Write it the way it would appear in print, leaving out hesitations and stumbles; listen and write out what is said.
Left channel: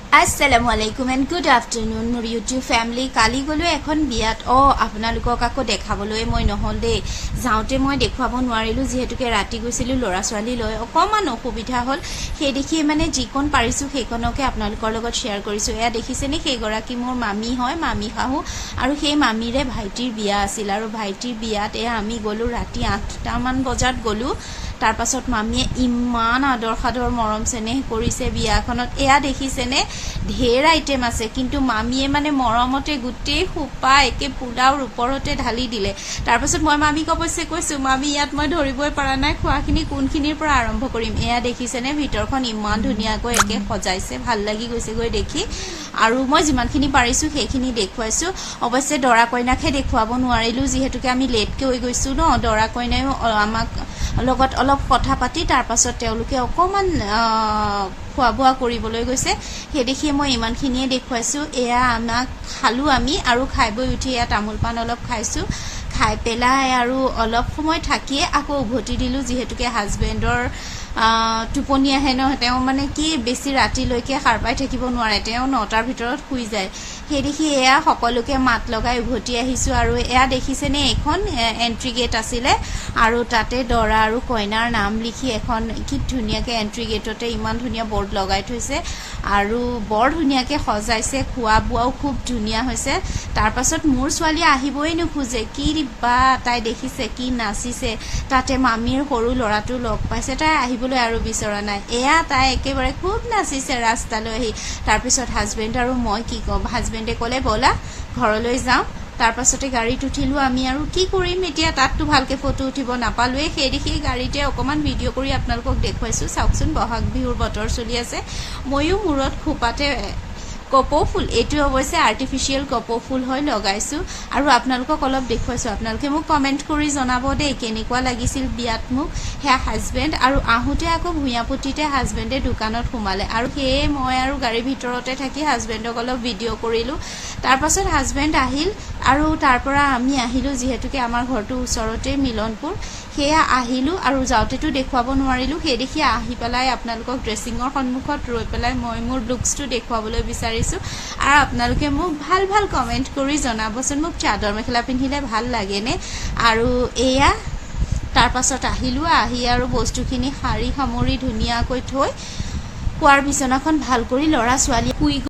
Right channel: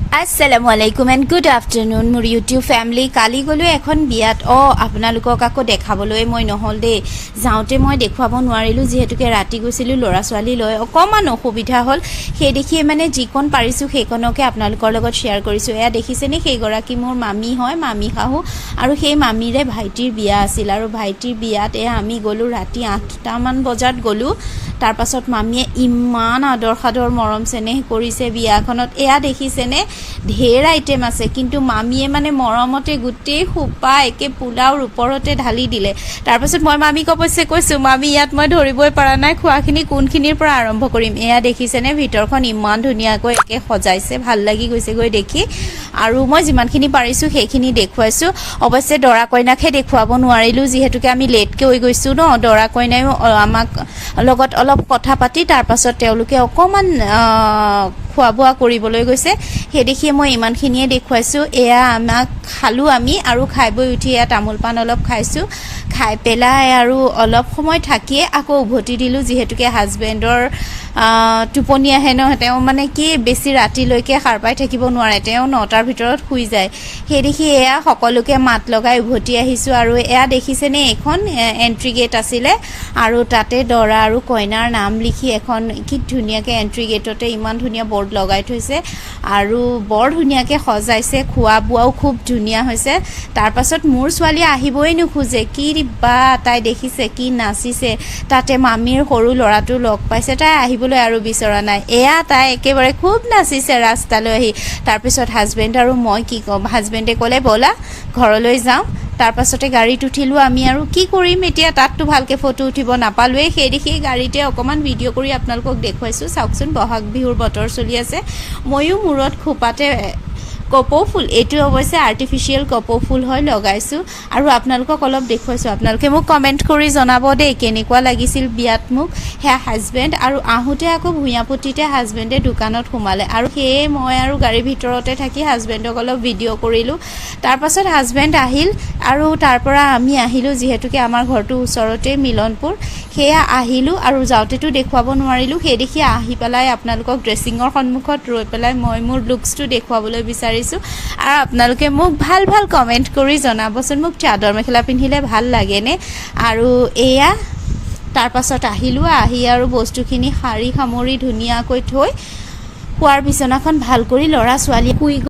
Assalamualaikum and good afternoon মোৰ YouTube family কালি গলো এখন বিয়াত আপোনালোকক আকৌ দেখাবলৈ মই নহল দে যাওঁতে মই দেখুৱাব নোৱাৰিলো যেহেতুকে ৰাতি গৈছিলো লৰা ছোৱালী লৈ অকমান অসুবিধা হল সেই দেখি মানে যিকন পাৰিছো সেইকনকে আপোনালোকৰ লগত শেয়াৰ কৰিছো এয়া দেখিছেনে সেই গৰাকী মোৰ মামি হয় মামি খাহু আৰু সেই মামিৰে ভাইটিৰ বিয়া আছিল আৰু ভাইটিৰ বিয়াত আমি গলো ৰাতি 8টা মান বজাত গলো তাৰ পাছত মামিয়ে ইমান আদৰ খাদৰ মৰম চেনেহ কৰিছে বিয়াখনত এয়া দেখিছেনে ঢেৰ আইটেম আছে কিন্তু মামিয়ে মানে মৰমতে গুটেই খুপা একে পোলাওৰ ওপৰতে ঢালি দিলে তাৰ পাছত মই মামিক অৱশ্যে কৈছো মামি ইয়াত মই ধৰিবই পৰা নাই খোৱাখিনি কোনখিনিৰ পৰা আৰম্ভ কৰিম এয়া দেখিছেনে ভিতৰখন ইমান ধুনীয়াকৈ একে সজাইছে ভাল লাগি গৈছে গৈ দেখি আৰু মই যিমানখিনি পাৰিছো সেইখিনি দেখুৱাইছো অৱশ্যে দৰা কইনাকহে দেখুৱাব নোৱাৰিলো যেহেতুকে আমি লেটকে হৈ গৈছো ন দৰা কইনায়ো আমাক লগত অলপ কথা পাতি তাৰ পাছত তেওঁলোকে অকমান খোৱা বোৱা কৰিবলৈ গৈছে সেই দেখি মই ইমানখিনিয়ে দেখুৱাইছো এয়া আমাক খালো আমি আৰু খাই বৈ উঠি এয়া তামোল পান অলপ খাইছো খাই পেলাই আৰু অলপ সময় থাকিয়ে আকৌ উভতি দিলো যেহেতুকে হাজবেণ্ডৰ টোপনি আহে ন তেওঁ মানে কি বেছি ৰাতিলৈকে সাৰ পাই থাকিব নোৱাৰে তেওঁ 9টাৰ ভিতৰত শুই যায় সেই দেখি এয়া সকলোকে মাত লগাই উভতি আহিছো আৰু এয়া দেখিছেনে এখন এন্ট্ৰি গেট আছিলে আৰু তাতে দৰা আৰু কইনাৰ নাম লিখি এখন কি ধুনীয়াকে এন্ট্ৰি গেটতে ইমান ধুনীয়া বৰ্ড লগাই থৈছে আৰু বৰ ধুনীয়াকে সজাইছে খোৱা বোৱাও খুব ধুনীয়া হৈছে তাৰ পাছত মোৰ ছোৱালী আহিবই নোখোজে কি বা তাই দেখিছে কি নাচিছে তাতে মামিৰ সৰু লৰাটো লগ পাইছে তাই আহিবলৈ আৰু বিচৰা নাই এয়া তাই একেবাৰে খুব নাচিছে ৰাস্তালৈ আহি তাৰ পিছত হাজবেণ্ড আৰু মই কি কম হাজবেণ্ডে ক'লে বলা ঘৰলৈ যাওঁ তাৰ পাছতে গাড়ীত উঠিলো আমি আৰু কি কৰিম এতিয়া তাতটো ভালকে ফটো উঠিব নাপালোৱে সেই দেখি গাড়ীতে অকমান ভিডিঅ' কৰি আপোনালোকক দেখুৱাইছো চাওকচোন বহাগ বিহুৰ বতৰ চলি আছে ময়ো মূৰত খোপাতে কপৌ ফুল এটো অৱশ্যে আৰ্টিফিশিয়াল কপৌ ফুল হয় লগাইছো আৰু আপোনালোকক অলপ দেখুৱাইছো আপোনালোকে মোক কমেন্ট কৰি জনাব দে কেনেকুৱা লাগিছিল বিয়াত মোক হে হাজবেণ্ড আৰু আহোতে আকৌ ভুঞাপুতিতে হাজবেণ্ডে দোকানত সোমালে আৰু সেই মই আৰু গাড়ীৰ ভিতৰতে থাকি হাজবেণ্ডক অলপ ভিডিঅ' কৰিলো তাৰ পাছত হাজবেণ্ড আহিল আৰু তাৰ পৰা আমি আহিলো যেহেতুকে আমাৰ ঘৰটো ওচৰতে মিলনপুৰ হেয়া আহিলো আৰু যাওঁতেতো দেখুৱাব নোৱাৰিলো সেই দেখি আহি পেলাই আপোনালোকক ড্ৰেছিঙৰ সন্মুখত ৰৈ পেলাই মই মোৰ লুকছটো দেখুৱাবলৈ বিচাৰিছো আৰু আপোনালোকে মোক ভাল ভাল কমেন্ট কৰি জনাবচোন মোক চাদৰ মেখেলা পিন্ধিলে ভাল লাগেনে আৰু এয়া তাৰ পাছত আহিলো আহি আৰু বস্তুখিনি সাৰি সামৰি ধুনীয়াকৈ থৈ খোৱাৰ বিছনাখন ভাল কৰি লৰা ছোৱালী শুই